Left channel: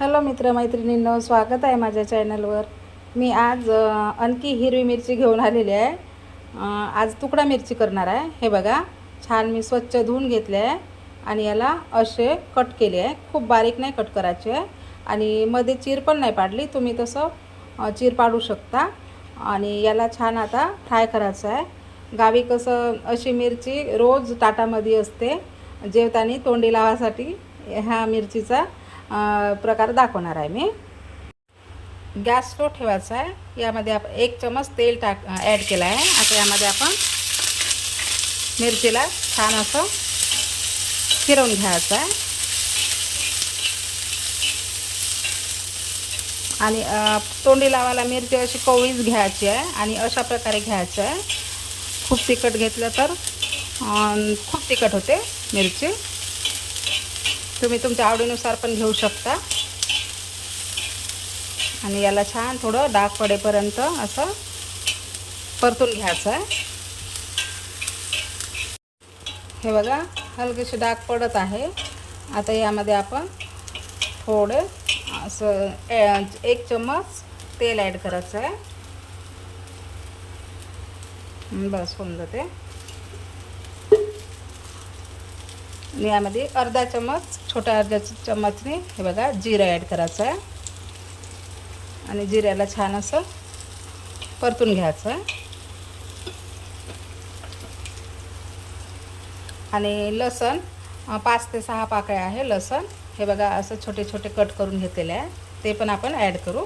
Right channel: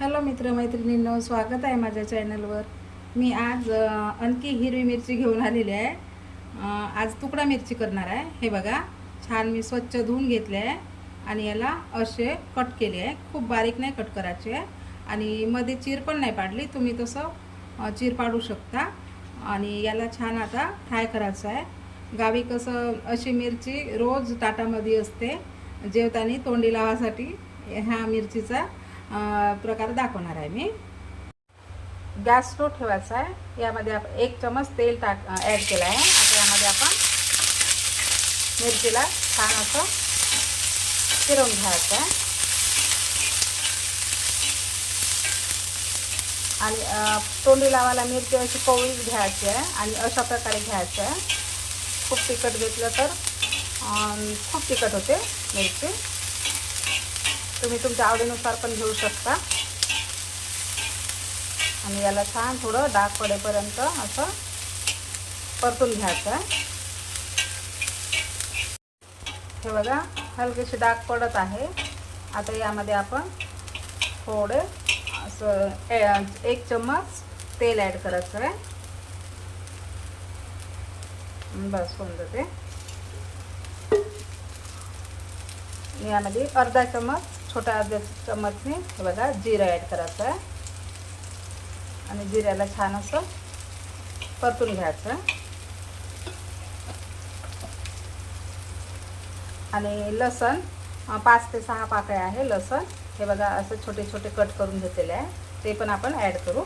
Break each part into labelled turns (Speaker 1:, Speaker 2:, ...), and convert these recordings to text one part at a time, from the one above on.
Speaker 1: Hello मित्रमैत्रिणींनो स्वागत आहे माझ्या चॅनलवर. मी आज आणखी हिरवी मिरची घेऊन आलेली आहे. आज तुकडा मिरची करणार आहे. हे बघा छान मी स्वच्छ धुवून घेतले आहे आणि याला असे कट केले आहे. खूप बारीक नाही कट करायचे. आहे आणि मध्ये चीर पण नाही पाडली तुम्ही तसं चीर पाडू शकता. आणि याला छान आता फ्राय करायचं आहे. गावी कसं अशी मिरची रोज ताटामध्ये असते जेवताना तोंडी लावासाठी ह्या मिरचीचा प्रकार दाखवणार आहे मी. गॅस तो ठेवायचा आहे. यामध्ये आपण एक चमच तेल टाक ॲड केलं आहे. आता यामध्ये आपण मिरचीला छान असं फिरवून घ्यायचं आहे. आणि तोंडी लावायला मिरची अशी पोळीच घ्यायची आहे आणि अशा प्रकारे घ्यायचं आहे. खूप तिखट घेतलं तर खूप तिखट होते मिरची. तुम्ही तुमच्या आवडीनुसार पण घेऊ शकता. आणि याला छान थोडं डाग पडेपर्यंत असं परतून घ्यायचं आहे. हे बघा हलकेशी डाग पडत आहे. आता यामध्ये आपण थोडं असं ए- एक चम्मच तेल ॲड करायचं आहे. बस होऊन जाते. आणि यामध्ये अर्धा चम्मच छोटा अर्ध्या चम्मचने हे बघा जिरं ॲड करायचं आहे. आणि जिऱ्याला छान असं परतून घ्यायचं आहे. आणि लसण पाच ते सहा पाकळ्या आहे लसण. हे बघा असं छोटे छोटे कट करून घेतलेले आहे. ते पण आपण ॲड करू.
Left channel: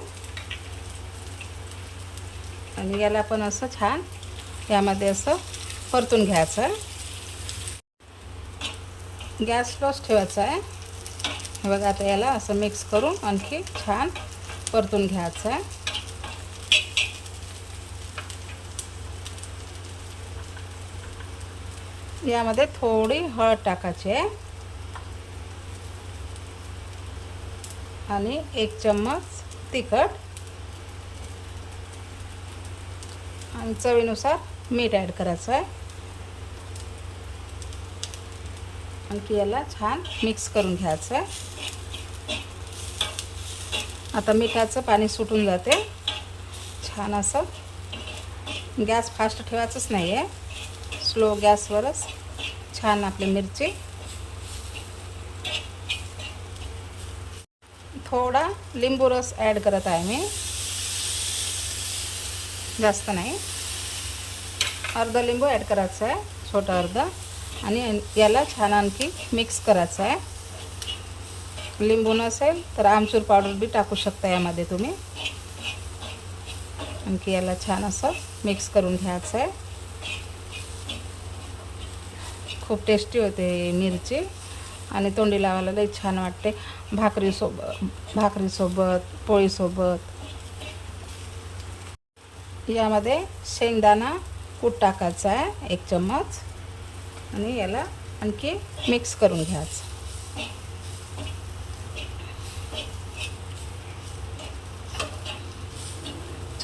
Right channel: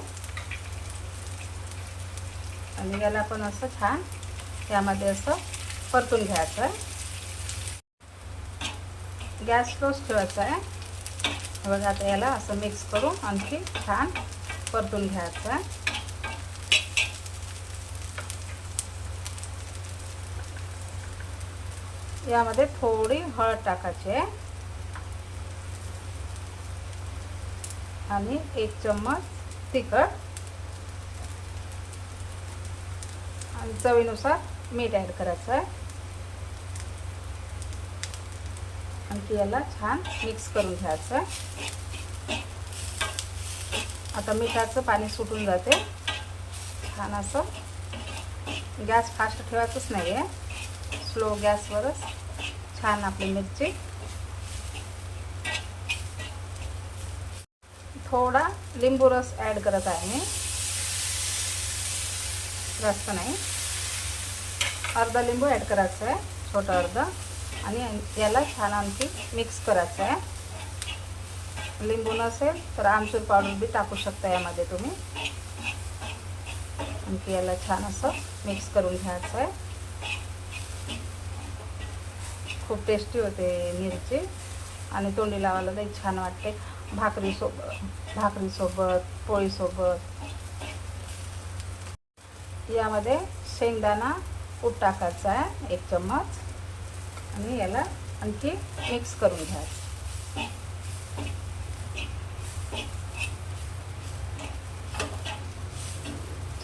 Speaker 1: आणि याला पण असं छान यामध्ये असं परतून घ्यायचं आहे. गॅस स्लोच ठेवायचा आहे. हे बघा आता याला असं मिक्स करून आणखी छान परतून घ्यायचं आहे. यामध्ये थोडी हळद टाकायची आहे. आणि एक चम्मच तिखट. आणि चवीनुसार मीठ ॲड करायचं आहे. आणखी याला छान मिक्स करून घ्यायचं. आहे आता मिठाचं पाणी सुटून जाते. छान असं गॅस फास्ट ठेवायचंच नाही आहे स्लो गॅसवरच छान आपली मिरची. थोडा लिंबू रस ॲड करत आहे मी. जास्त नाही. अर्धा लिंबू ॲड करायचं आहे छोटा अर्धा. आणि याला छान आणखी मिक्स करायचं आहे. लिंबू नसेल तर आमचूर पावडर बी टाकू शकता यामध्ये तुम्ही. आणखी याला छान असं मिक्स करून घ्यायचं आहे. खूप टेस्टी होते मिरची. आणि तोंडी लावायला लई छान वाटते. भाकरीसोबत भाकरीसोबत पोळीसोबत यामध्ये शेंगदाणा कूट टाकायचा आहे एक चम्मच. आणि याला आणखी मिक्स करून घ्यायचं.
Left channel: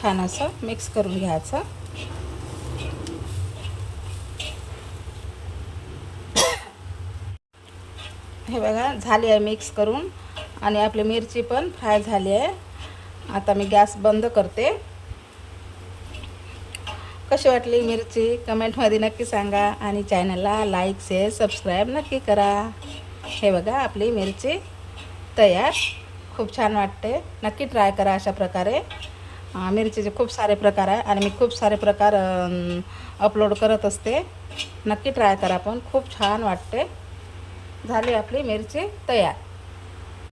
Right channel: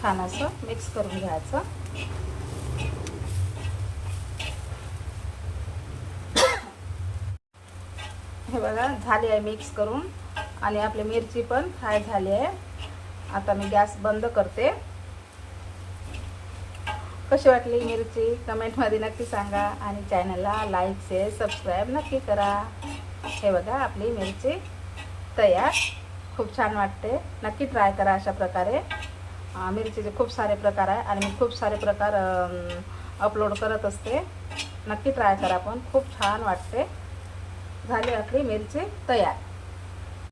Speaker 1: छान असं मिक्स करून घ्यायचं. हे बघा झाली आहे मिक्स करून. आणि आपली मिरची पण फ्राय झाली आहे. आता मी गॅस बंद करते. कशी वाटली मिरची? कमेंटमध्ये नक्की सांगा आणि चॅनलला लाईक शेअर सबस्क्राईब नक्की करा. हे बघा आपली मिरची तयार. खूप छान वाटते. नक्की ट्राय करा अशा प्रकारे. मिरचीचे खूप सारे प्रकार आहे आणि मी खूप सारे प्रकार अपलोड करत असते. नक्की ट्राय करा पण. खूप छान वाटते. झाली आपली मिरची तयार.